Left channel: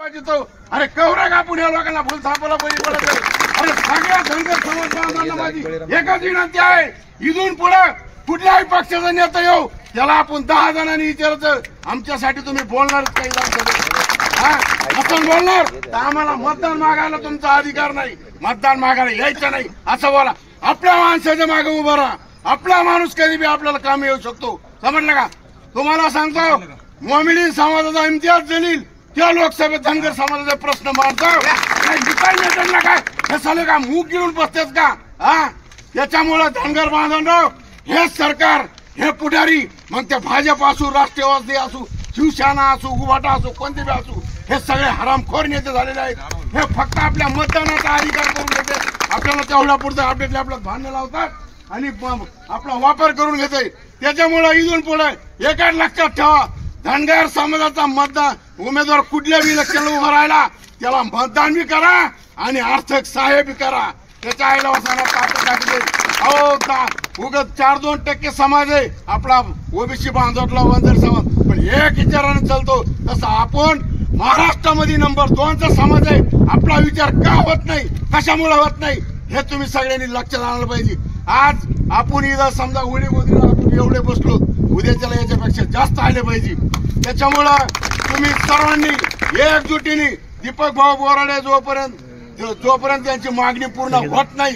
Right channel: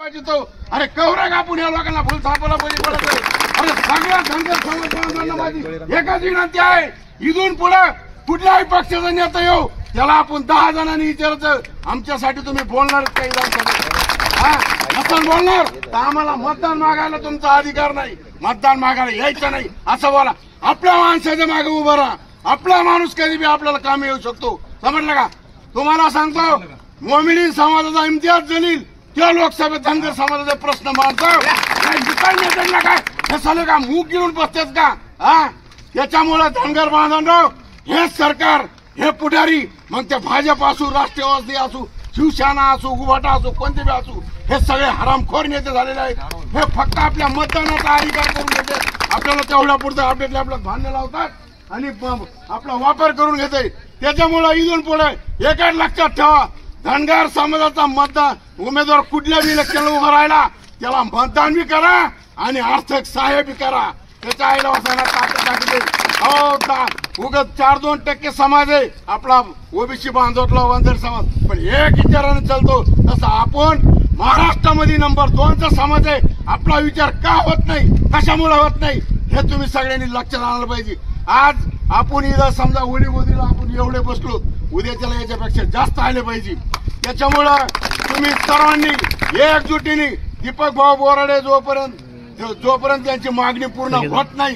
तो अरे कवरा कापून या लोकांना फुल थापाला बळी पडत आहे. अरे सगळ्या धनगर समाज बांधवांना माझी एकच विनंती आहे, इथून पुढे कुठल्याही पक्षाचा नेता येऊ त्याला आपण 10 जणांनी विचारायचं आमच्यासाठी तुम्ही बोलणार काही आपण बोलणार तर आम्हाला मतदान मागायला तुमचा अधिकार नाही, मतदान मागायला यायचं नाही असं बोला. आपल्या माणसाच्या मागे उभं राहा. आपला माणूस कधी बी आपल्याला काम येऊ शकतो, समजलं का? तुम्हाला सांगतो मोमिनी समाजाचा इम्तियाज जलील त्या लोकसभेत धनगर समाजाचे प्रश्न मांडतो. काय हे साले का मूग गिळून बसतेच का? त्याच्यामुळे धनगर बांधवांनो, हे सरकार हे पुढारी मग ते भाजप असू, राष्ट्रवादी असू, शिवसेना असू, उभाटा असू, कोणते बी असू, हे सगळे हरामखोर नेते झालेले आहेत. हे फक्त आपल्या मतदानाचा अधिकार करून घेते, आपल्याला तेवढ्या पुढचं अपडेट आपल्याला धान्य लावतात आणि आपला वापर करून घेते. त्याच्यामुळे इथून पुढे एकाच लक्षात ठेवा, धनगर समाजाचा मतदान उमेदवार कुठल्या बी इलेक्शनला उभा राहिला त्याला मतदान बी करा आणि आर्थिक सहाय्य बी करा. त्याच्या आईला वासना ताकद टाकले. उगत 4-2% समाज आहे आपला ओबीसी बांधवटला वंजर समाज, पण एक विचाराने चालतो तसा आपण महाराष्ट्रामध्ये नंबर 2चा समाज आहे. आपला विचार का होत नाही, कशामुळे होत नाही हे तुम्ही सगळ्यांनी लक्षात आणलं पाहिजे. आज आपण इथं समजा उडी गोदीला आपण एवढे बसलो, उद्याच्याला याच्यापेक्षा जास्त आले पाहिजे. त्याच्यामुळं तुम्ही सर्वांनी एकजुटीने दीपक भाऊ बोराडे जोपर्यंत त्यांची मागणी पूर्ण होत नाही